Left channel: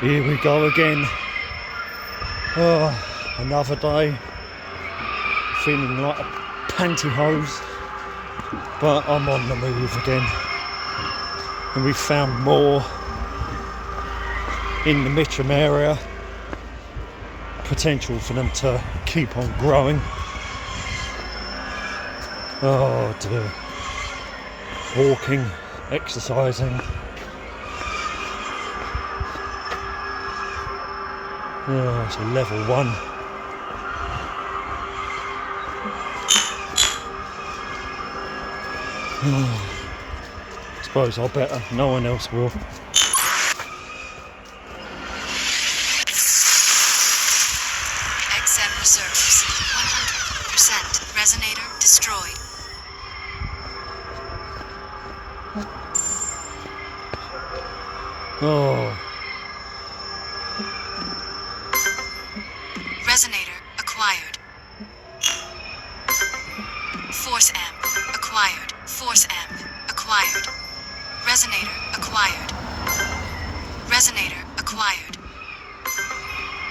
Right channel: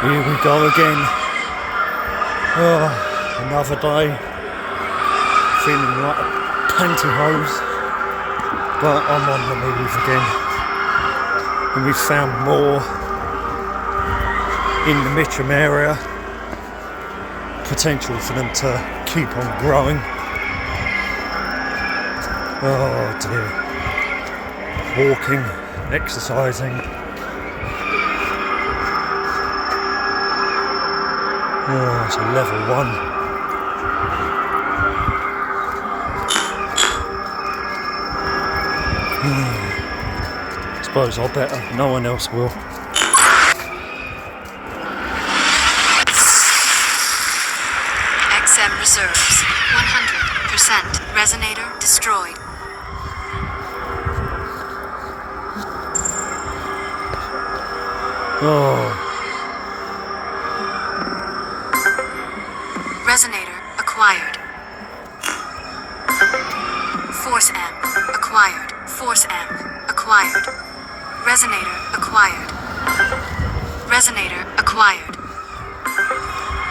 Here we go again. Oh, another day. Feeling like a pantyhose. But I'm on the move again. And we found more in the Mitcham area. Potential for them to keep on growing. Oh dear. Walking, exercising. Oh, it's a level 1. Suppose I better, no one else will. XM reserves 100%. Resonator destroyed. Oh. Resonator acquired. Force amp acquired. Force amp acquired. Resonator acquired. Resonator acquired.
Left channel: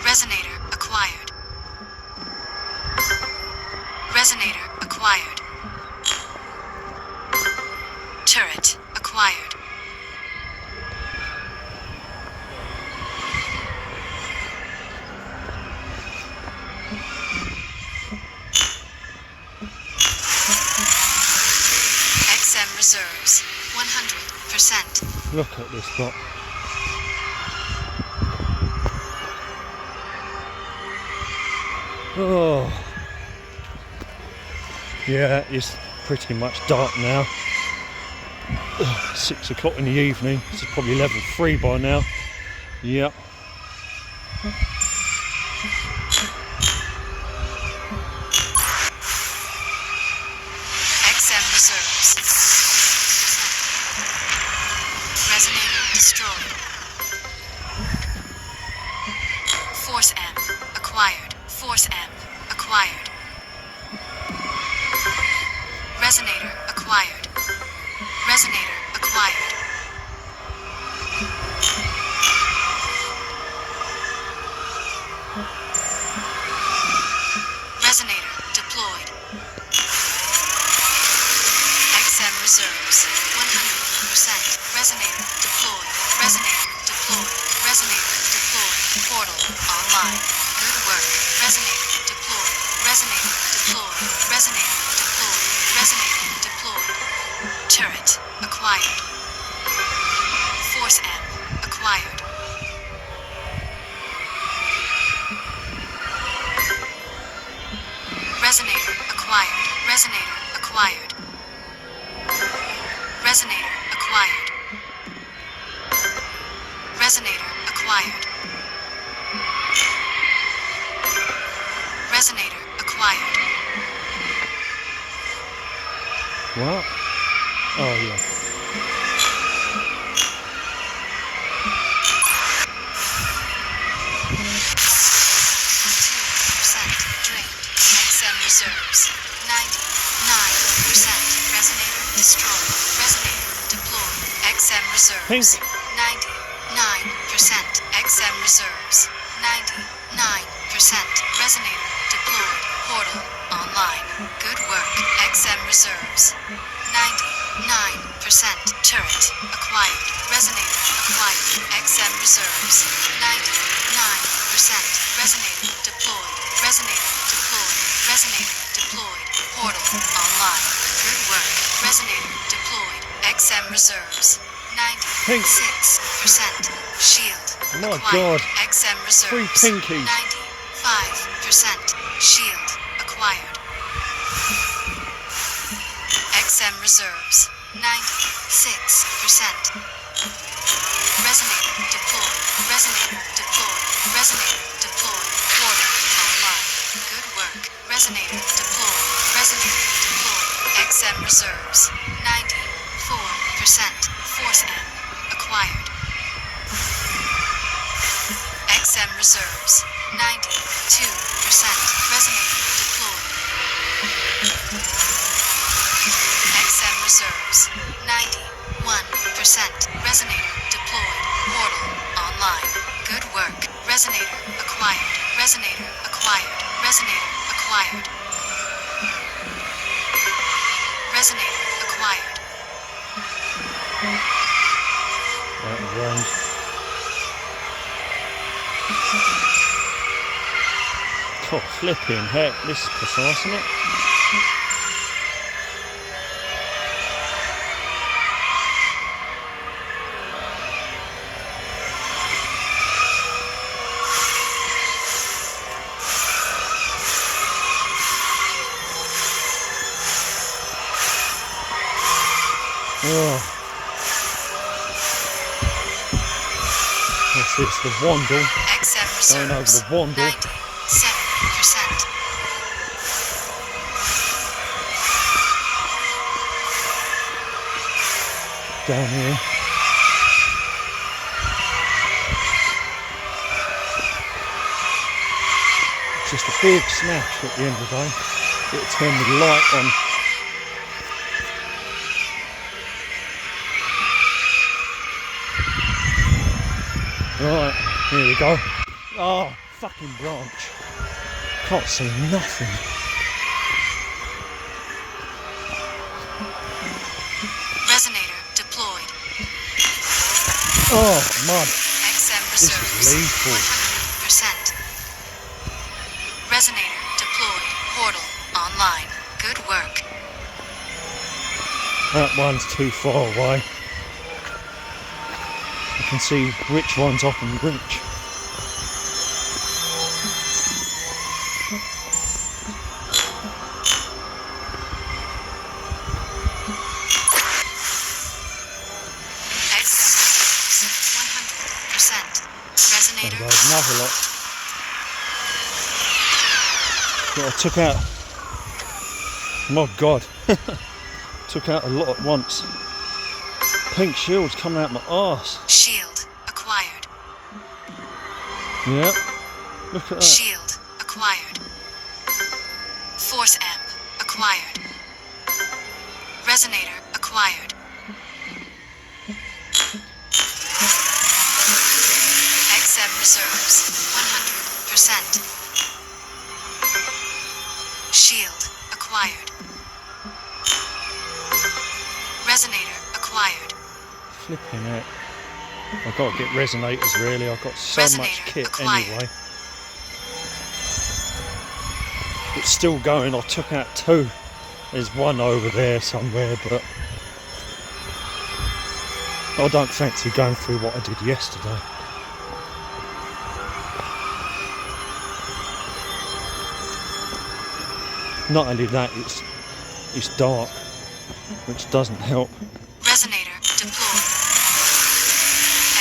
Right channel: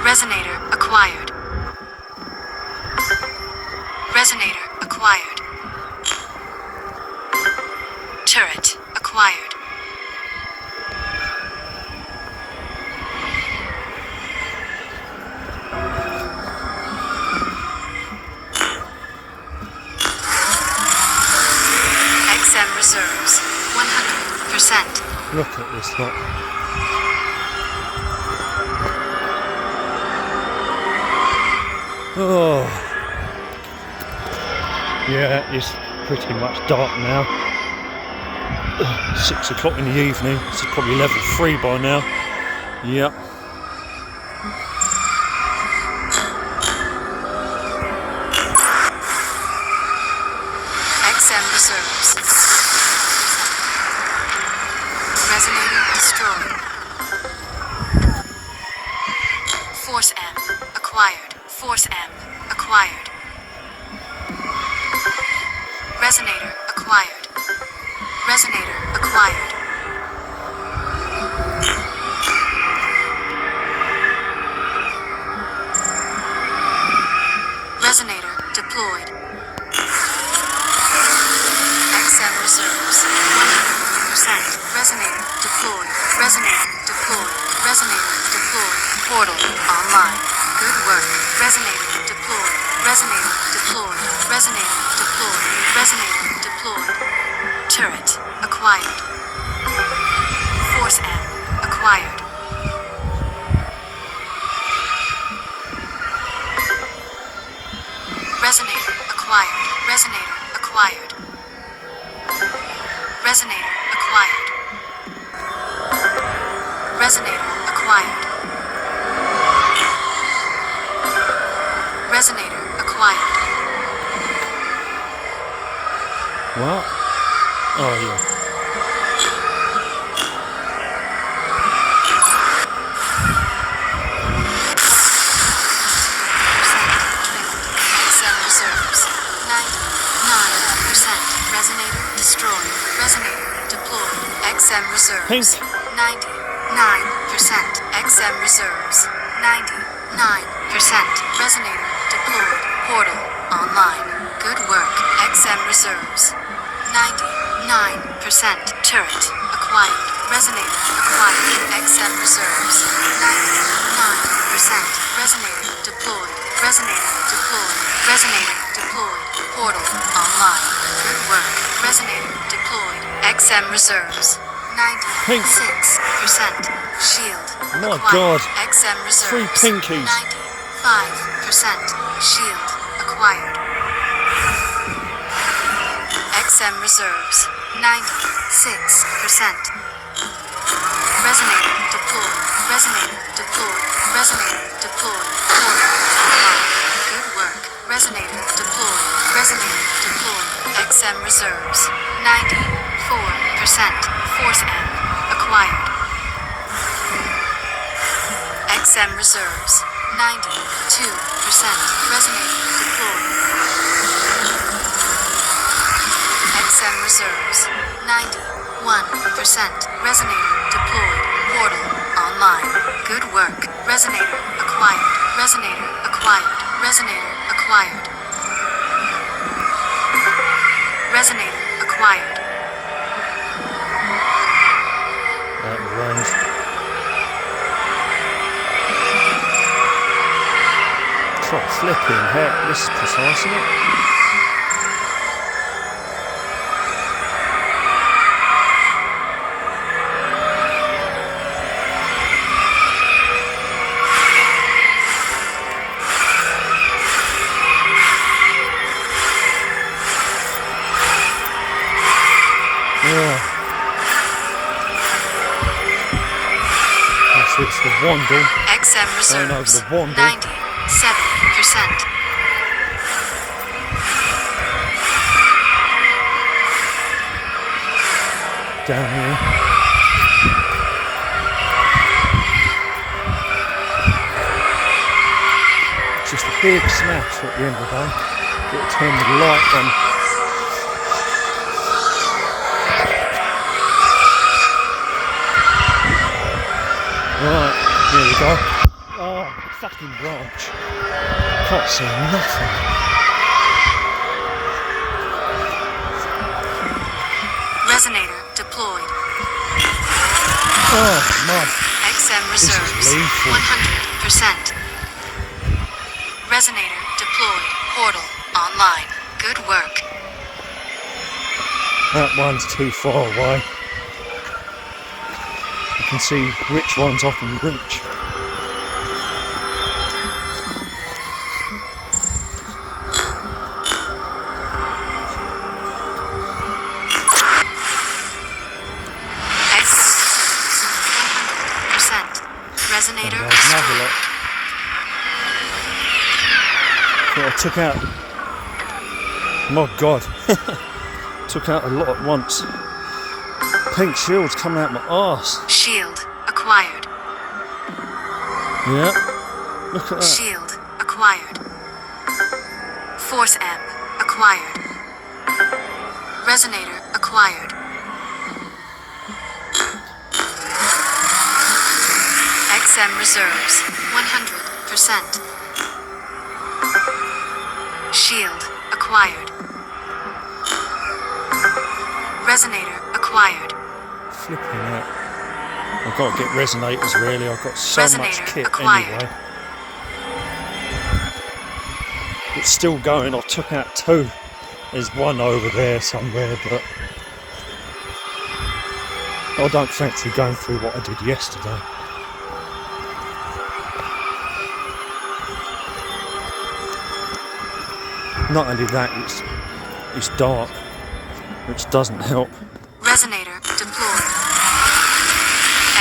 Resonator acquired. Resonator acquired. Turret acquired. XM reserves 100%. Look at this lot. Oh. Yeah, it's pretty much dark now. 6 o'clock in the evening. This is probably level 3 by now. Yep. XM reserves. Resonator destroyed. Force amp acquired. Force amp acquired. Resonator acquired. Resonator acquired. Resonator deployed. XM reserves 100%. Resonator deployed. Resonator deployed. Resonator deployed. Portal online. Good work. Resonator deployed. Resonator deployed. Resonator deployed. Resonator deployed. Turret acquired. Force amp acquired. Resonator acquired. Resonator acquired. Resonator acquired. Resonator acquired. Resonator acquired. What? Oh yeah. Reserves 99%. Resonator destroyed. Resonator deployed. XM reserves Pink. 99%. XM reserves 99%. Resonator deployed. Portal online. Good work. XM reserves 99%. Turret acquired. Resonator acquired. XM reserves 99%. Resonator deployed. Resonator deployed. Resonator deployed. Portal online. Good work. Resonator deployed. XM reserves 96%. Shield My acquired. God. XM 3 reserves pinkies. 95%. Shield acquired. XM reserves 96%. Resonator deployed. Resonator deployed. Resonator deployed. Portal online. Good work. Resonator deployed. Resonator deployed. XM reserves 94%. Force amp acquired. XM reserves 92%. Resonator deployed. XM reserves 91%. Resonator deployed. Portal online. Good work. Resonator acquired. Resonator acquired. Resonator acquired. Resonator acquired. Out of range. Oh, flipping heck, this is precise, isn't it? Oh. If it's the Wandle, XM going over reserves. the Wandle. 97%. Down here. Just a big smash at the end of the day. It'll turn the light on. Right, here we go. Oh, fucking branch. Can't see nothing. Resonator deployed. Oh, mud. XM This is reserves. lethal. 100%. Resonator deployed. Portal online. Good work. That one's too far away. I can see which ones I can reach. Resonator There's another lot. I took out, my god, took out a lot at once. Pink shield's coming out my arse. Shield acquired. Yeah, look at that. Shield acquired. Force amp acquired. Resonator acquired. XM reserves 100%. Shield acquired. Resonator acquired. Flipping out. I've got to get resonators really. I've got so much Resonator kit acquired. anyway. It's still going. I took out two. There's one over there somewhere, but I don't fancy going through what I did yesterday. Not only that, it's dark, which doesn't help. Resonator deployed.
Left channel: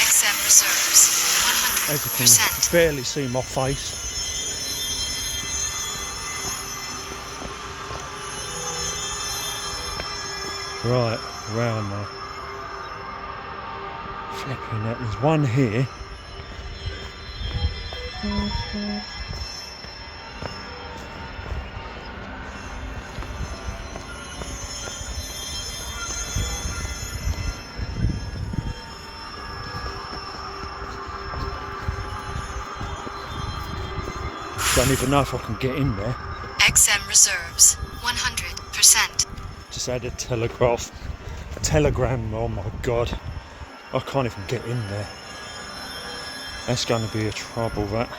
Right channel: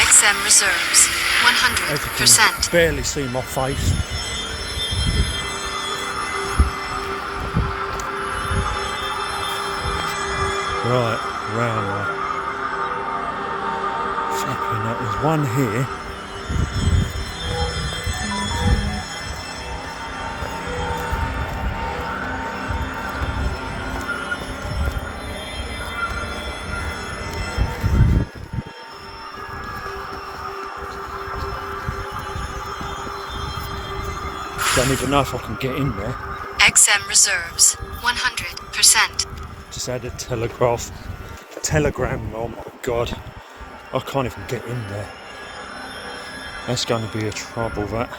XM reserves As you can 100%. barely see my face. Right, round there. Flipping that, there's one here. Don't even know if I can get in there. XM reserves 100%. Just had a telegram, oh my god. I can't even get in there. That's going to be a trouble, that.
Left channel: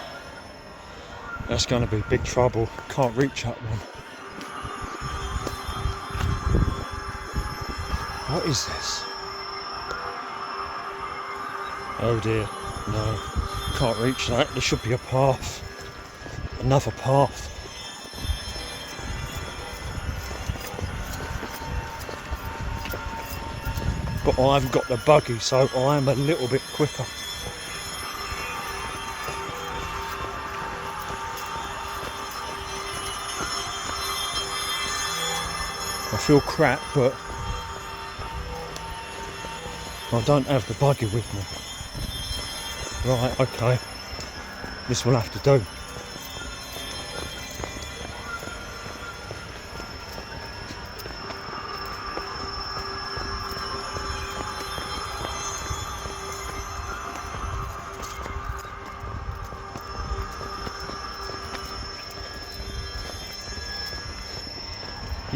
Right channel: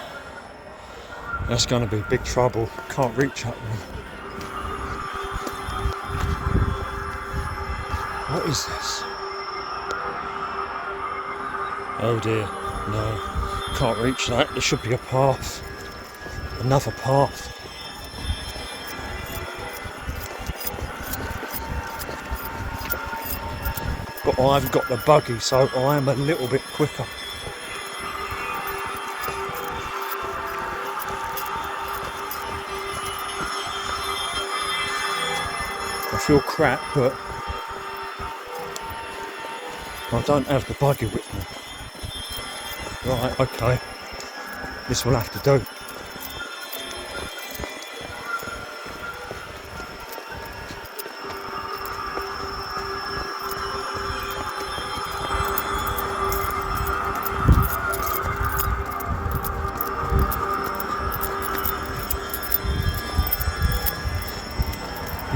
That's going to be big trouble. Can't reach that one. What is this? Oh dear, no. Can't reach that. There should be a path. Another path. But I've got the buggy, so I am a little bit quicker. I feel crap, but I don't have the buggy with me. Right, okay. This will have to do.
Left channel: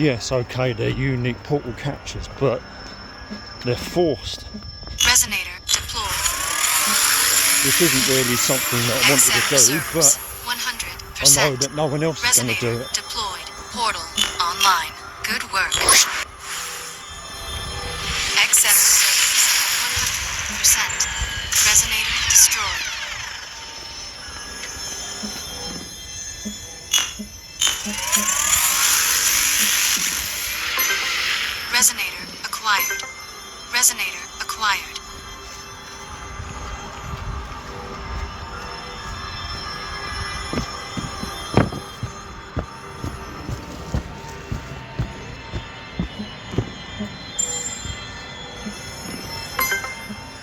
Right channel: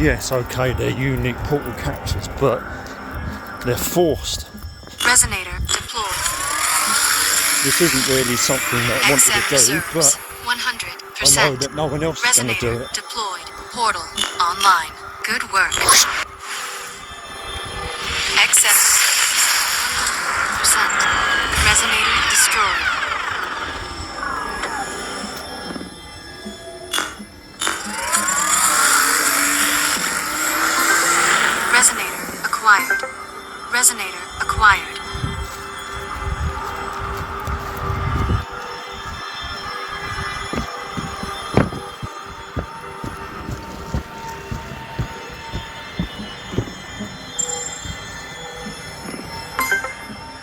yes, okay, they're unique portal captures, but they're forced. Resonator deployed. This isn't really something that I wanted XM to do, reserves. but 100%. I know that no one else is going to do Resonator it. deployed. Portal online. Good work. XM reserves. 100%. Resonator destroyed. Resonator acquired. Resonator acquired.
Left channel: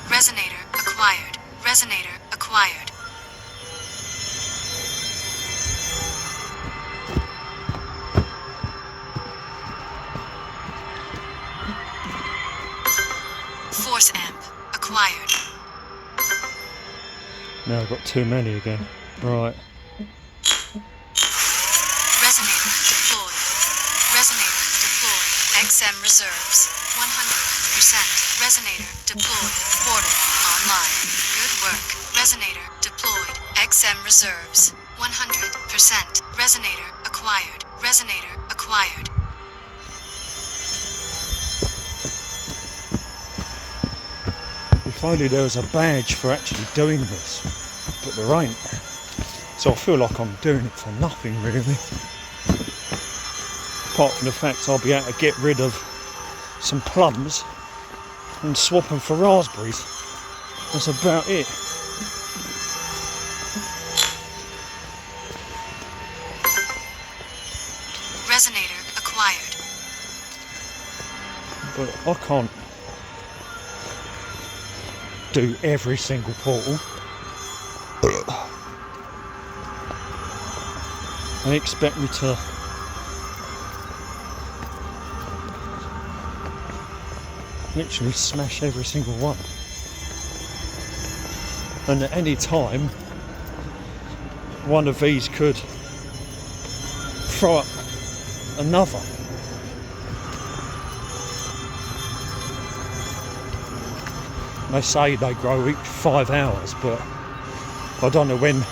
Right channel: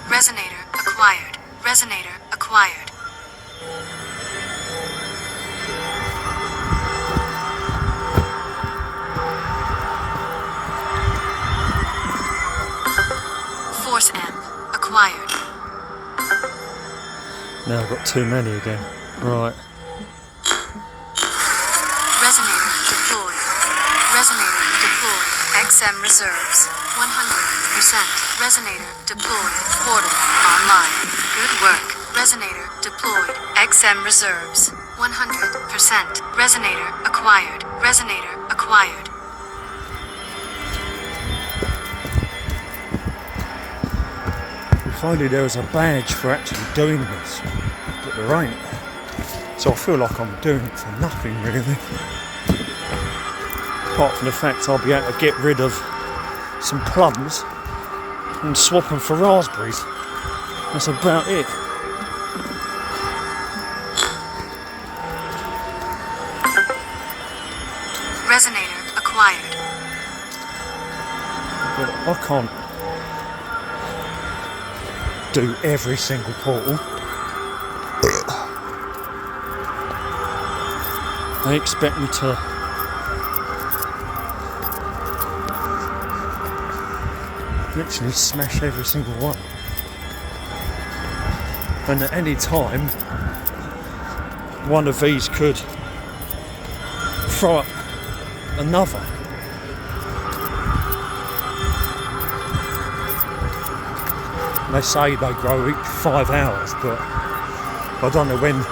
Resonator acquired. Resonator acquired. Force amp acquired. Now I've got too many again. Right. Resonator deployed. Resonator deployed. XM reserves. 100%. Resonator deployed. Portal online. Good work. Resonator deployed. XM reserves. 100%. Resonator acquired. Resonator acquired. If only there was a badge for actually doing this, but there ain't. So I feel like I'm doing it for nothing really. Apart from the fact I'll be able to get rid of some plums and swap them for raspberries. That's about it. Resonator acquired. But I can't do every single portal. They expect me to literally smash every single one. And at any time, one of these could throw up another. They say they grow each 5 hours, but I don't know when.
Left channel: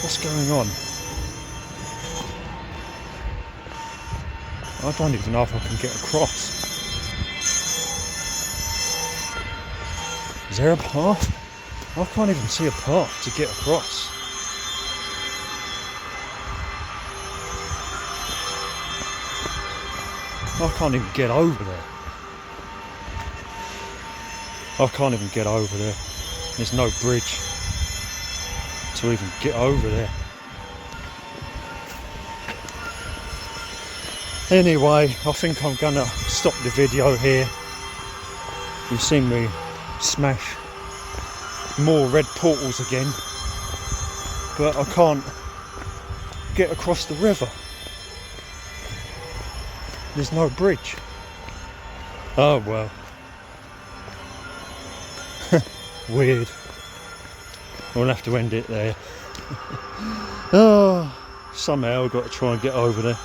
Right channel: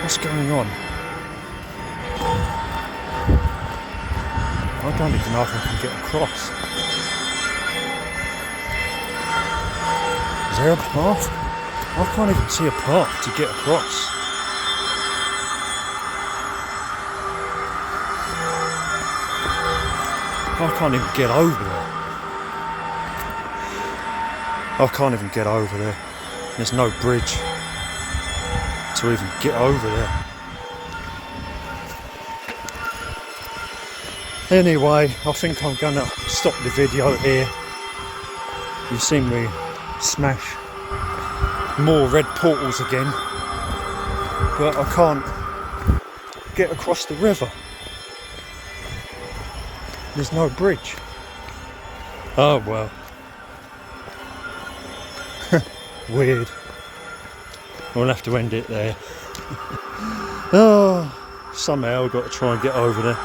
What's going on? I don't even know if I can get across. Is there a path? I can't even see a path to get across. I can't even get over there. I can't even get over there. There's no bridge to even get over there. Anyway, I think I'm gonna stop the video here. You've seen me smash more red portals again, but I can't get across the river. There's no bridge. Oh well. Weird. We'll have to end it there. Oh, somehow I've got to try and get over there.